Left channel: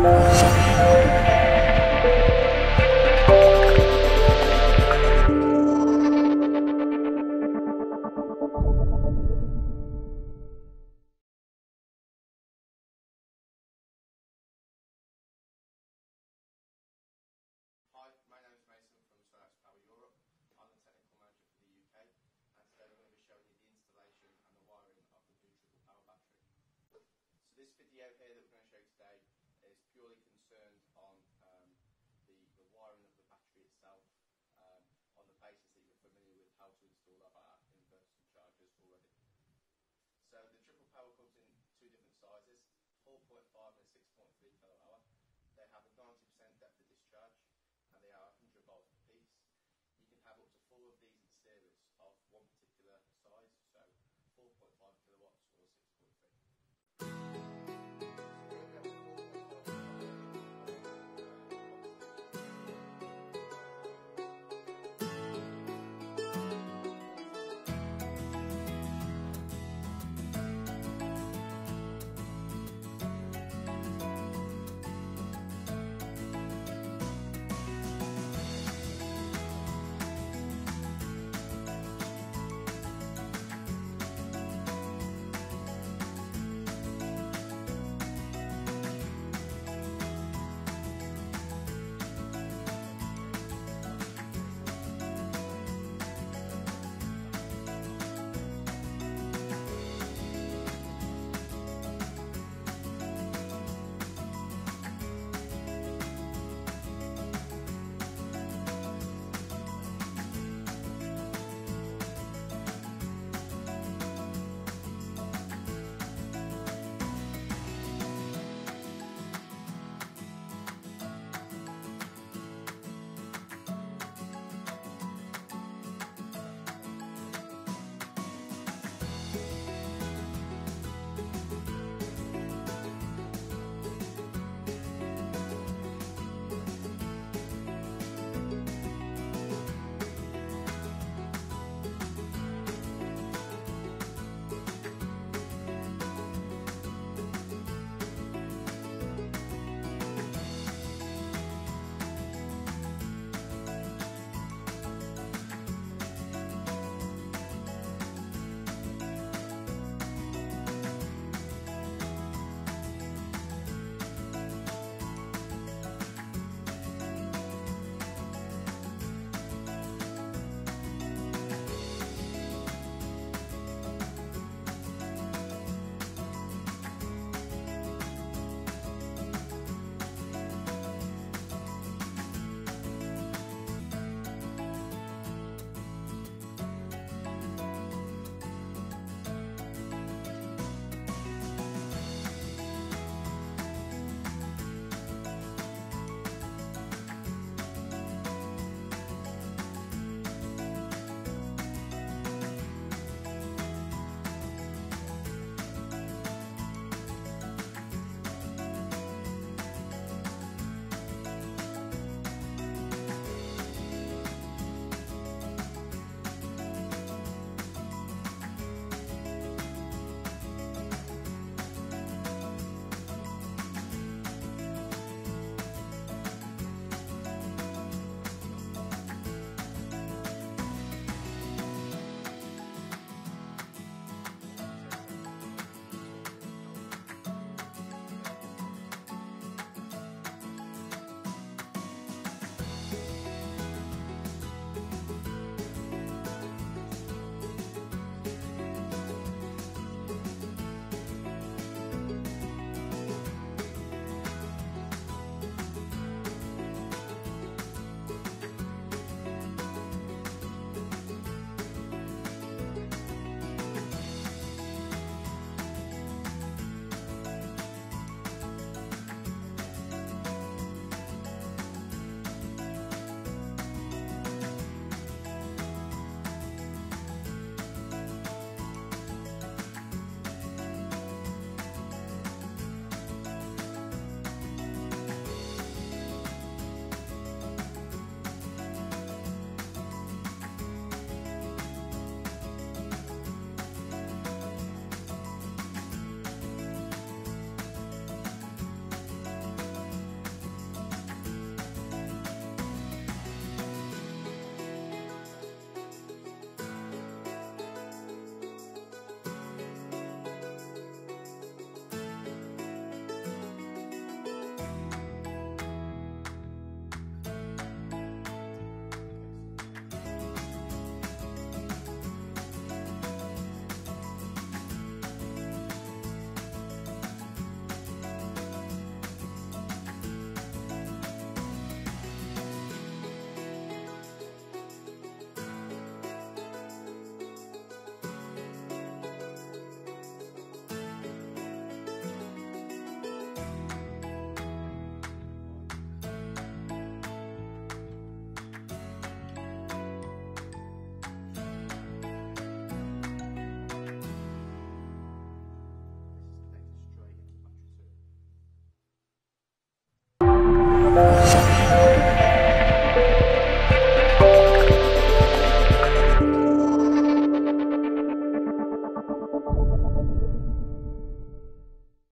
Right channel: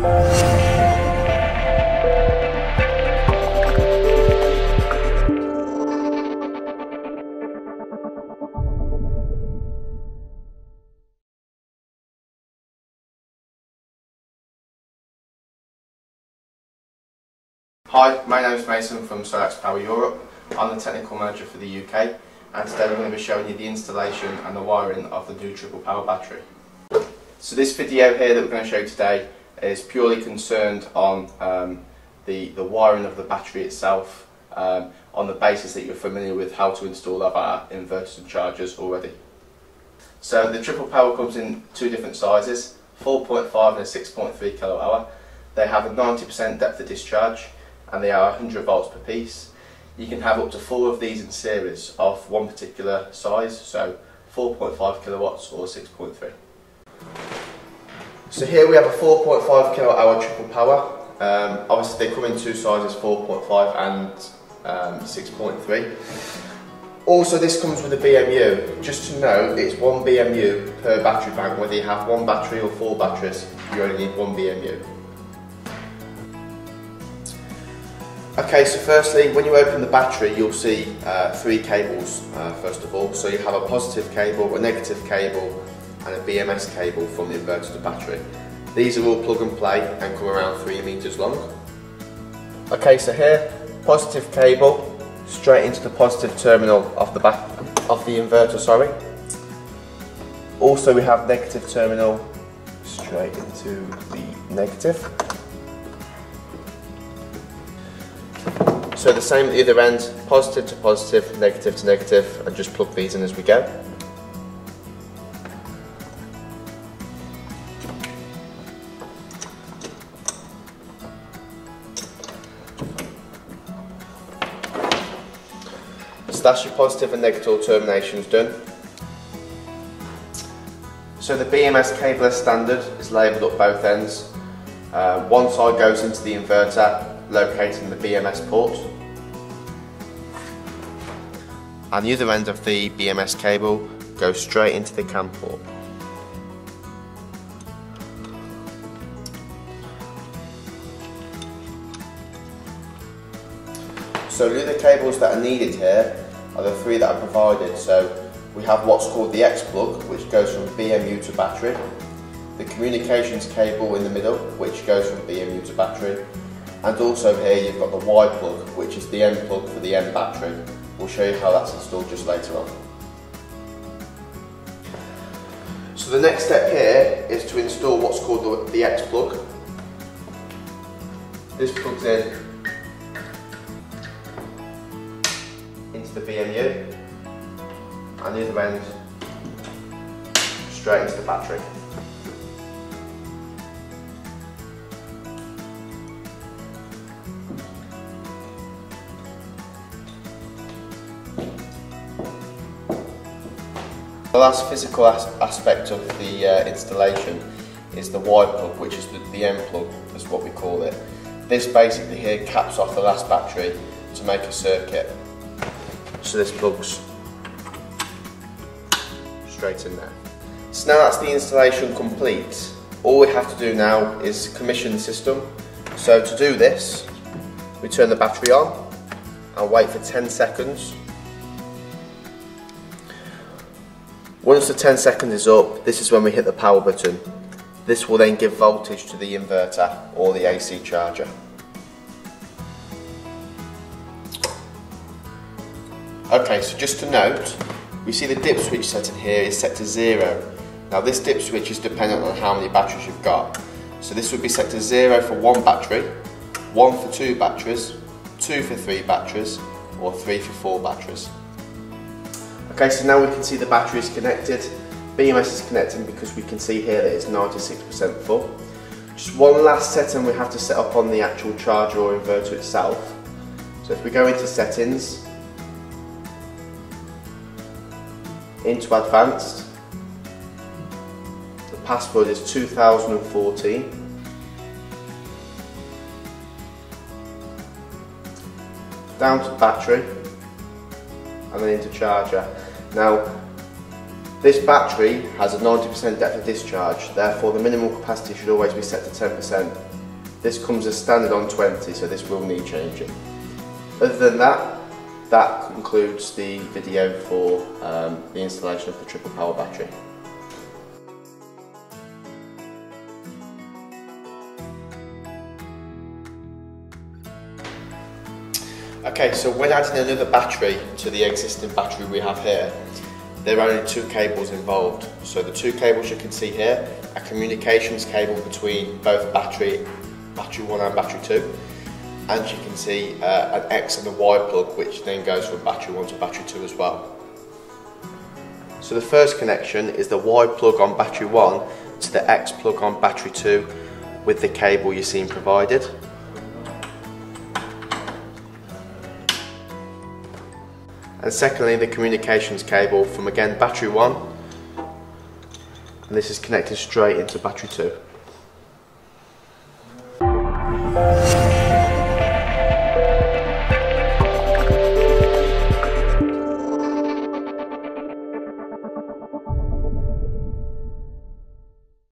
Hi, my name is Mason from Solax Power Europe. I'm the technical manager for the UK, and today we're going to be showing you the installation and the wiring of the new triple power battery. So this video here that we're going to show you today is purely concerned on the wiring of the battery itself, on the basis that you're familiar with how to install our inverters and chargers already. So the triple power comes in two different sizes, 4.5 and a 6.3 kilowatt hour. They have a 90% depth of discharge, and they are 100 volts per piece. You can have up to 4 of these in series of one particular size, so 4.5 kilowatts or 6.3. So here we have a 4.5 kilowatt hour triple power. Obviously they come in two sizes, 4.5 and 6.3. Also this comes with a BMU. Just to note, it's 1 BMU per battery bank. Whether you have 1 battery or 4 batteries, you only need 1 BMU. Okay, so firstly, when you open the battery, you'll see 3 cables first of all. So you have a positive cable, a negative cable, and a BMS cable from the inverter to the battery. These are all plug and play and come around 3 meters long. Okay, so here, positive cable straight into the positive terminal of the back of the inverter. Sorry. Also, we have negative terminal straight into the negative. So the same at the other end, positive to positive, negative to negative, and just plug these in as we go. So that's your positive and negative terminations done. So the BMS cable as standard is labelled up both ends. One side goes into the inverter, located in the BMS port, and the other end of the BMS cable goes straight into the CAN port. So the other cables that are needed here are the 3 that are provided. So we have what's called the X plug, which goes from BMU to battery, the communications cable in the middle, which goes from BMU to battery, and also here you've got the Y plug, which is the end plug for the end battery. We'll show you how that's installed just later on. So the next step here is to install what's called the X plug. This plugs in into the BMU, and the other end straight into the battery. The last physical aspect of the installation is the Y plug, which is the end plug, is what we call it. This basically here caps off the last battery to make a circuit. So this plugs straight in there. So now that's the installation complete. All we have to do now is commission the system. So to do this, we turn the battery on and wait for 10 seconds. Once the 10 seconds is up, this is when we hit the power button. This will then give voltage to the inverter or the AC charger. Okay, so just to note, you see the dip switch setting here is set to 0. Now this dip switch is dependent on how many batteries you've got. So this would be set to 0 for 1 battery, 1 for 2 batteries, 2 for 3 batteries, or 3 for 4 batteries. Okay, so now we can see the battery is connected. BMS is connecting because we can see here that it's 96% full. Just one last setting we have to set up on the actual charger or inverter itself. So if we go into settings, into advanced, the password is 2014. Down to battery, and then into charger. Now, This battery has a 90% depth of discharge, therefore the minimum capacity should always be set to 10%. This comes as standard on 20, so this will need changing. Other than that, that concludes the video for the installation of the triple power battery. Okay, so when adding another battery to the existing battery we have here, there are only two cables involved. So the two cables you can see here, a communications cable between both battery 1 and battery 2, and you can see an X and a Y plug, which then goes from battery 1 to battery 2 as well. So the first connection is the Y plug on battery 1 to the X plug on battery 2 with the cable you've seen provided. And secondly, the communications cable from, again, battery 1, and this is connected straight into battery 2.